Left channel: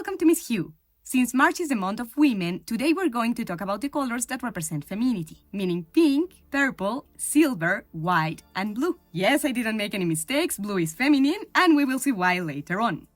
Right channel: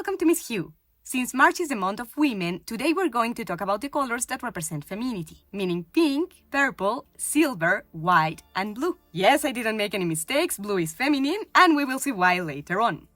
Welcome to Miss Hue. Since March is the month of women, today we're going to talk about the colors that represent femininity, meaning pink, purple, silver, white, and blue. Yes, I didn't make any mistakes, blue is feminine, and we will see why later on.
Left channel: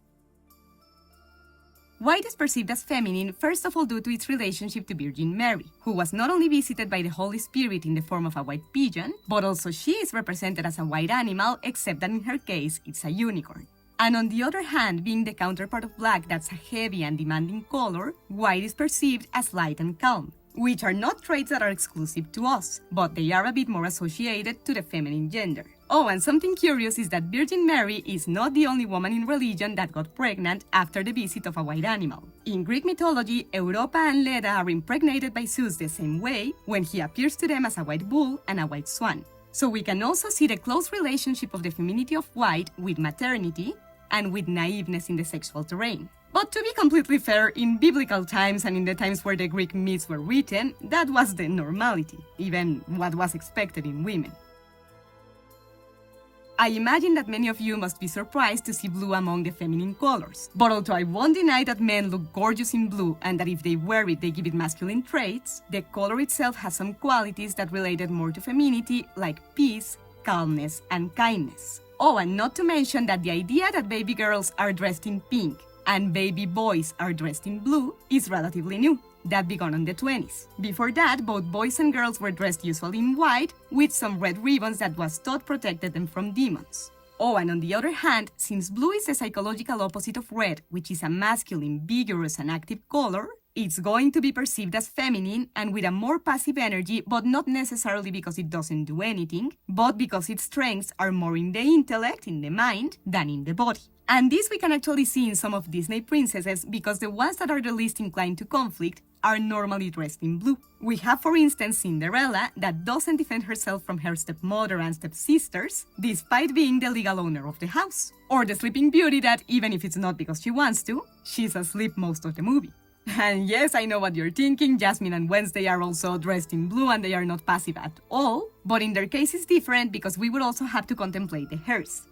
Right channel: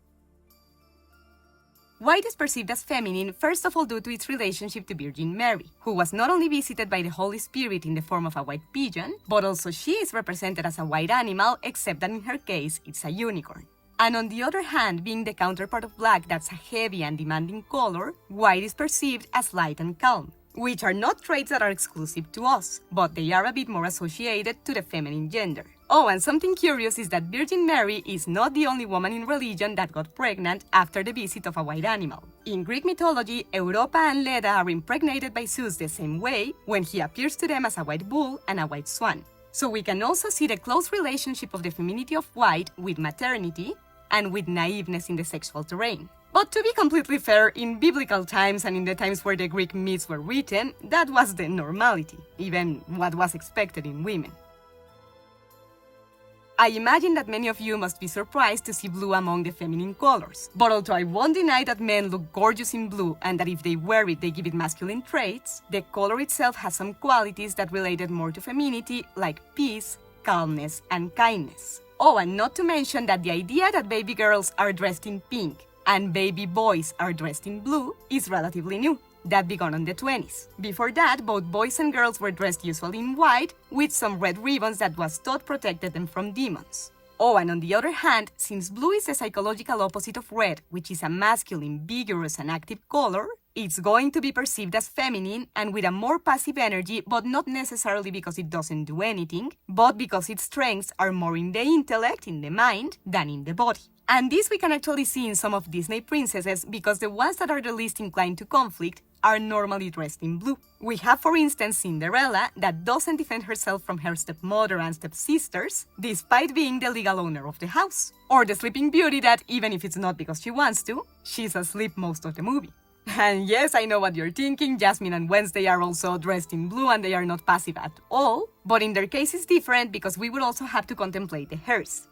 White is perceived as feminine, first of all due to its relationship to Virgin Mary, who was not only visited by the Holy Spirit in the form of a white pigeon, but also she is represented as a white animal, except that in her case, it's a unicorn. And on the other hand, being the counterpart of black that's a heavy and demanding color, white is perceived as light and calm, which are not traits that are exclusive to us, but they are a bit more associated to the feminine gender. Oh, and something curious is that Virgin Mary is not the only woman in religion that got pregnant after the visit of a white animal. In Greek mythology, Europa and Leda are impregnated by Zeus the same way when he appears to them as a white bull and a white swan. So we can also see the close relationship of the femininity of white with maternity and with naiveness in the sexual terrain. But to be completely fair, in biblical times and in the times where the Greek myths were written, that was the normality, even what was expected in women. I imagine that many of you must be surprised to see blue among the feminine colors. But although I won't deny that men look gorgeous in blue and that if they wear it, they give it masculine traits, the color itself has some qualities that related more to femininity, like peace, calmness, and kindness. Oh, and not to mention that the idea that baby girls are dressed in pink and baby boys are dressed in blue is relatively new. That began in the 20s. Before that, both boys and girls were dressed usually in white, with some red ribbons that was thought protected them from demons. Oh, and on the other hand, since blue is the psychological opposite of red, which is a masculine, vigorous, and active color, it's going to be perceived as feminine and with a more passive energy, but not necessarily because it doesn't do anything, but because its strengths are more in the intellect, in the mind, than in the body. And this we can actually see in some of Disney princesses, because the ones that are the least inclined to conflict are normally dressed in blue. We have, for instance, Cinderella, that doesn't defend herself from her stepmother and stepsisters, despite being the legal owner of the house. Or the Sleeping Beauty that, even if it's not because she wants to, she's asleep most of the movie. And yes, I know what you're thinking, Jasmine and Wednesday are also dressed in blue and they are not passive at all, but in their case it's different because we would also have to contemplate the hairs.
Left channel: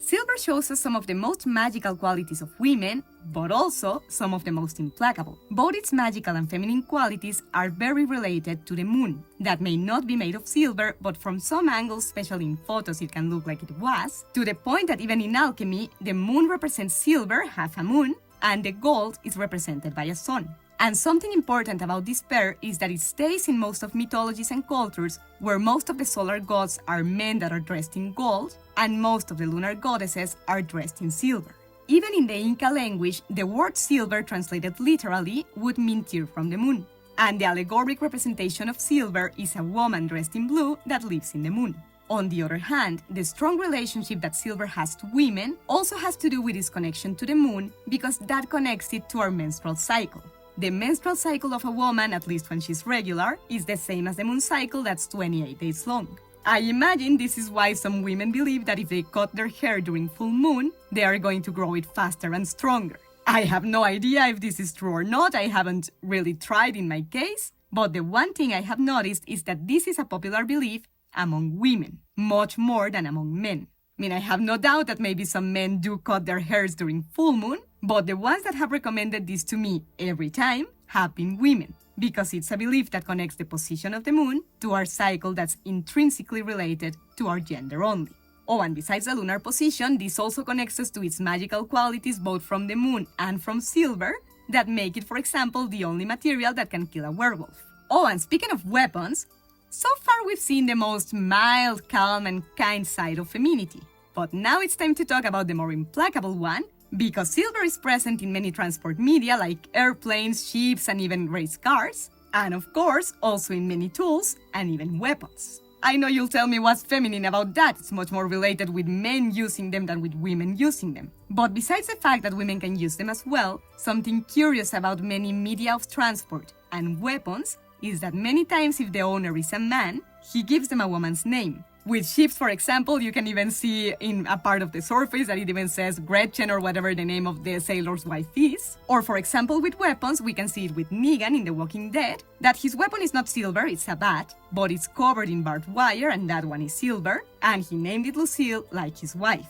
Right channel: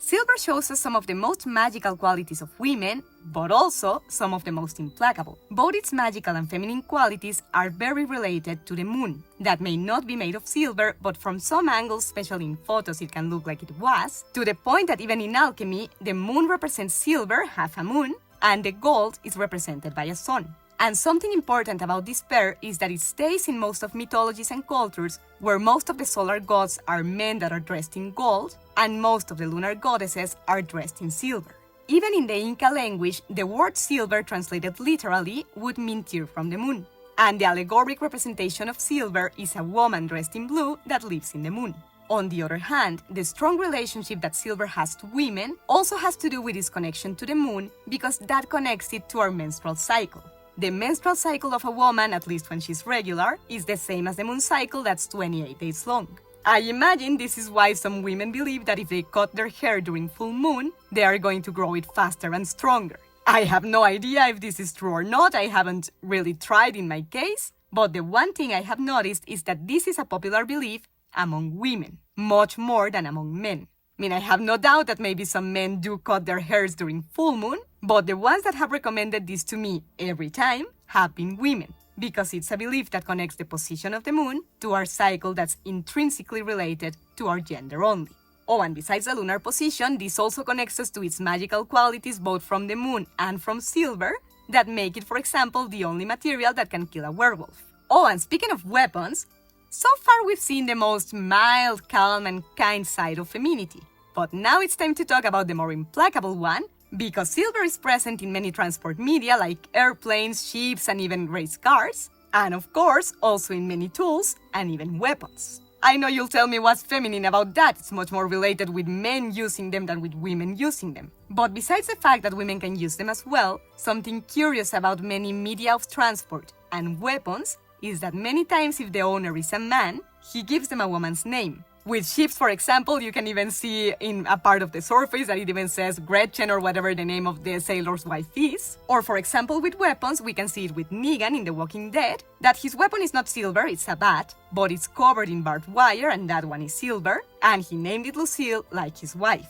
Silver shows us some of the most magical qualities of women, but also some of the most implacable. Both its magical and feminine qualities are very related to the moon, that may not be made of silver, but from some angles, especially in photos, it can look like it was, to the point that even in alchemy, the moon represents silver, half a moon, and the gold is represented by a sun. And something important about this pair is that it stays in most of mythologies and cultures where most of the solar gods are men that are dressed in gold, and most of the lunar goddesses are dressed in silver. Even in the Inca language, the word silver translated literally would mean tear from the moon. And the allegoric representation of silver is a woman dressed in blue that lives in the moon. On the other hand, the strong relationship that silver has to women also has to do with its connection to the moon, because that connects it to our menstrual cycle. The menstrual cycle of a woman, at least when she's regular, is the same as the moon cycle that's 28 days long. I imagine this is why some women believe that if they cut their hair during full moon, they are going to grow it faster and stronger. I have no idea if this is true or not, I haven't really tried in my case, but the one thing I have noticed is that this is a popular belief among women, much more than among men. I mean, I have no doubt that maybe some men do cut their hairs during full moon, but the ones that have recommended this to me every time have been women, because it's a belief that connects the position of the moon to our cycle that's intrinsically related to our gender only. Oh, and besides the lunar position, this also connects us to its magical qualities both from the moon and from silver that make it, for example, the only material that can kill a werewolf. Oh, and speaking of weapons, so far we've seen the most mild, calm, and kind side of femininity. But now it's time to talk about the more implacable one, because silver is present in many transport media like airplanes, ships, and even race cars, and of course, also in many tools and even weapons. I know you'll tell me what's feminine about that, it's much more related with men using them than with women using them. But besides the fact that women can use them as well, something curious about many media of transport and weapons is that many times if the owner is a man, he gives them a woman's name. With ships, for example, you can even see in a part of the surface that it even says Gretchen or whatever the name of the sailor's wife is. Or for example, with weapons, we can see it with Negan in The Walking Dead, that his weapon is not silver, it's a bat, but it's covered in barbed wire and that one is silver, and he named it Lucille like his wife.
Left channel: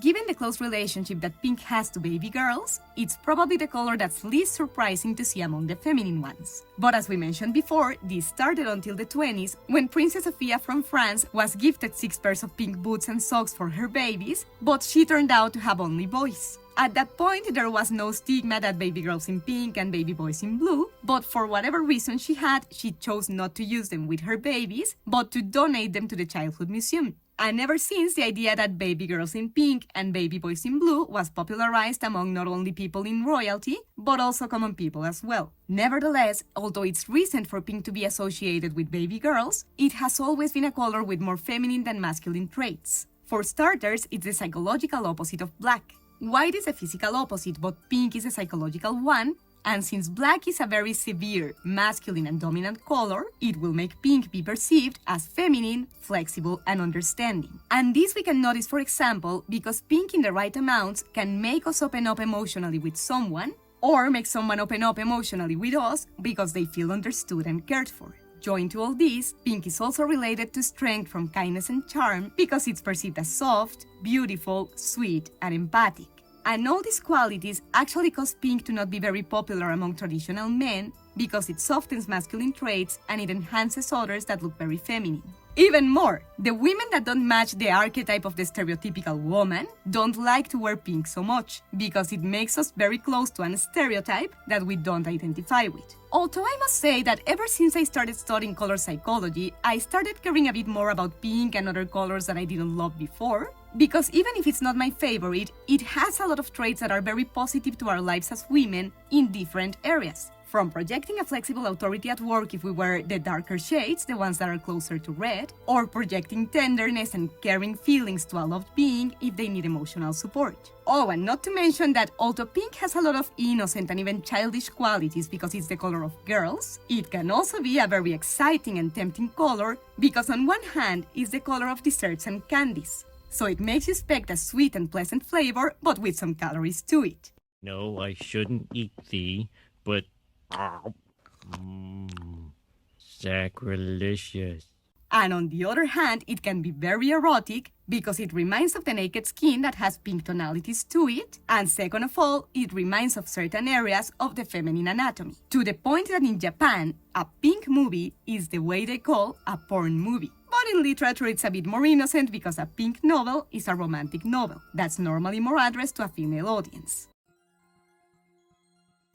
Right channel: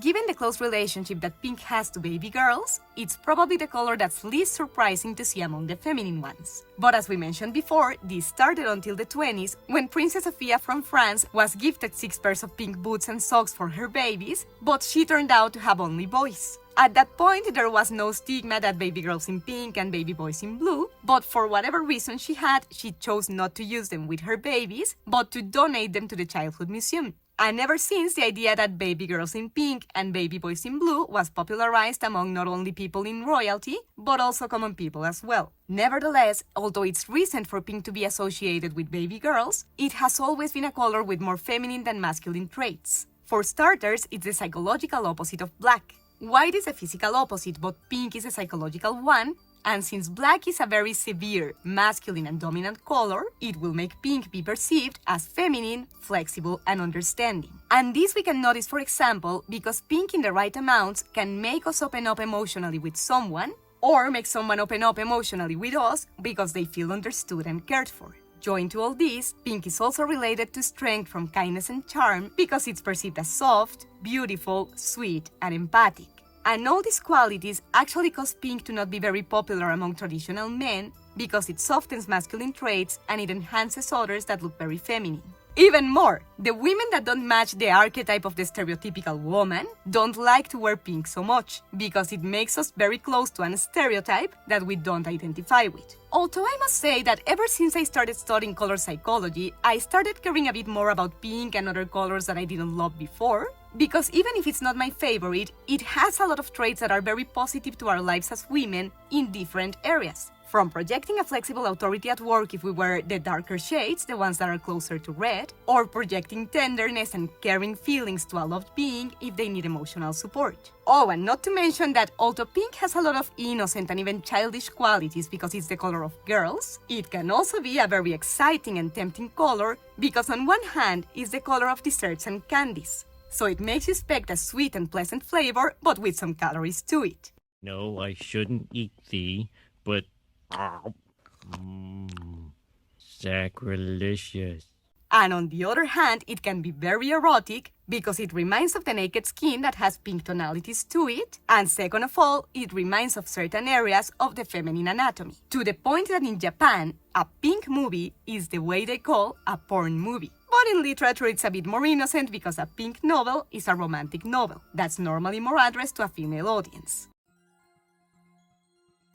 Given the close relationship that pink has to baby girls, it's probably the color that's least surprising to see among the feminine ones. But as we mentioned before, this started until the 20s, when Princess Sophia from France was gifted 6 pairs of pink boots and socks for her babies, but she turned out to have only boys. At that point, there was no stigma that baby girls in pink and baby boys in blue, but for whatever reason she had, she chose not to use them with her babies, but to donate them to the Childhood Museum. And ever since, the idea that baby girls in pink and baby boys in blue was popularized among not only people in royalty, but also common people as well. Nevertheless, although it's recent for pink to be associated with baby girls, it has always been a color with more feminine than masculine traits. For starters, it's the psychological opposite of black. White is a physical opposite, but pink is a psychological one, and since black is a very severe, masculine and dominant color, it will make pink be perceived as feminine, flexible, and understanding. And this we can notice, for example, because pink in the right amounts can make us open up emotionally with someone, or make someone open up emotionally with us because they feel understood and cared for. Joined to all this, pink is also related to strength from kindness and charm because it's perceived as soft, beautiful, sweet, and empathic. And all these qualities actually cause pink to not be very popular among traditional men because it softens masculine traits and it enhances others that look very feminine. Even more, the women that don't match the archetype of the stereotypical woman don't like to wear pink so much because it makes us very close to a stereotype that we don't identify with. Although I must say that ever since I started studying color psychology, I started caring a bit more about pink and other colors that I didn't love before, because even if it's not my favorite, it has a lot of traits that are very positive to our lives as women in different areas. From projecting a flexible authority at work if we wear the darker shades, the ones that are closer to red, or projecting tenderness and caring feelings to a loved being if they need emotional support. Oh, and not to mention that although pink has a lot of innocent and even childish qualities because it's the color of girls, it can also be a very exciting and tempting color because on one hand, it's the color of desserts and candies. So it makes you expect a sweet and pleasant flavor, but with some calories to it. No, I shouldn't eat thee, but sacrilegious. And on the other hand, it can be very erotic because it reminds of the naked skin that has pink tonalities to it, and second of all, it reminds of certain areas of the feminine anatomy. To the point that in Japan, a pink movie is the way they call a porn movie. But in literature, it's a bit more innocent because a pink novel is a romantic novel that's normally more addressed to a female audience.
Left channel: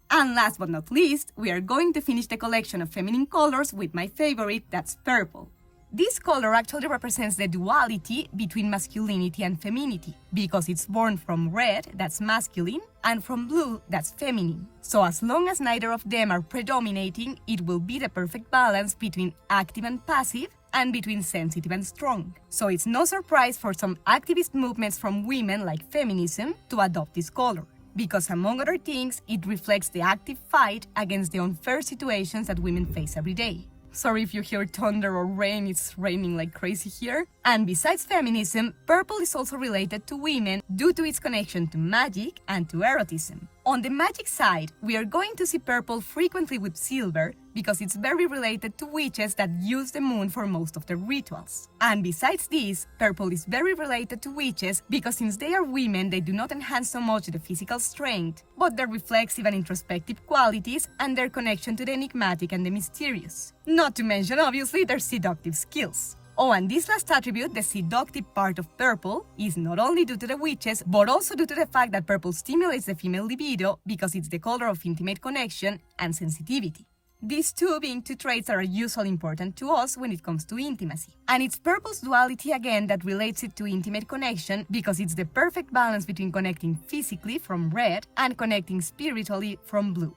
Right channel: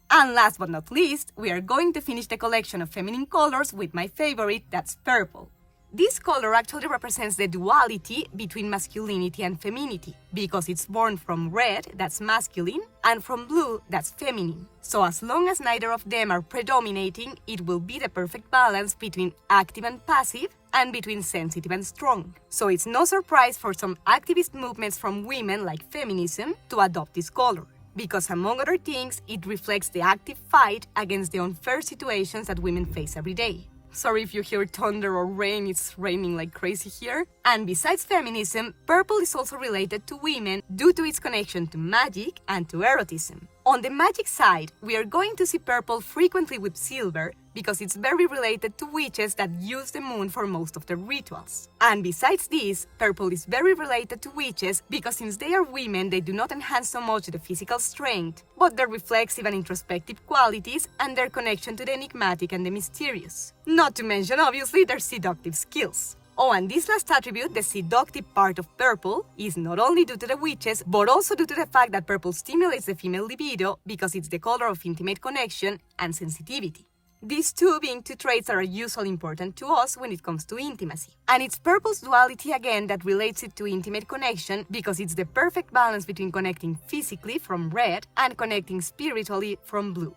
And last but not least, we are going to finish the collection of feminine colors with my favorite, that's purple. This color actually represents the duality between masculinity and femininity, because it's born from red, that's masculine, and from blue, that's feminine. So as long as neither of them are predominating, it will be the perfect balance between active and passive, and between sensitive and strong. So it's no surprise for some activist movements from women like feminism to adopt this color, because among other things, it reflects the active fight against the unfair situations that women face every day. Sorry if you hear thunder or rain, it's raining like crazy here. And besides feminism, purple is also related to women due to its connection to magic and to erotism. On the magic side, we are going to see purple frequently with silver because it's very related to witches that use the moon for most of their rituals. And besides this, purple is very related to witches because since they are women, they do not enhance so much the physical strength, but their reflexive and introspective qualities and their connection to the enigmatic and the mysterious. Not to mention, obviously, their seductive skills. Oh, and this last attribute, the seductive part of purple, is not only due to the witches, but also due to the fact that purple stimulates the female libido because it's the color of intimate connection and sensitivity. These two being two traits that are usually important to us when it comes to intimacy. And it's purple's duality again that relates it to intimate connection because it's the perfect balance between connecting physically from red and connecting spiritually from blue.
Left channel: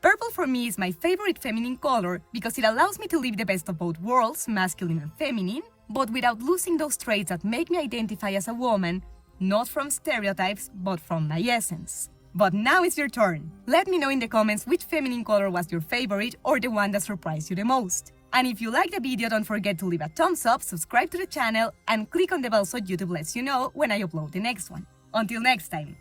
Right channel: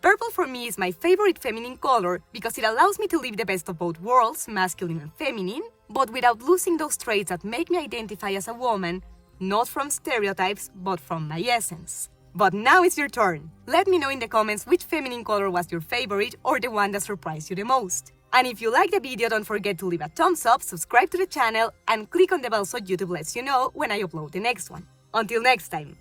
Purple for me is my favorite feminine color because it allows me to live the best of both worlds, masculine and feminine, but without losing those traits that make me identify as a woman, not from stereotypes, but from my essence. But now it's your turn. Let me know in the comments which feminine color was your favorite or the one that surprised you the most. And if you liked the video, don't forget to leave a thumbs up, subscribe to the channel, and click on the bell so YouTube lets you know when I upload the next one. Until next time.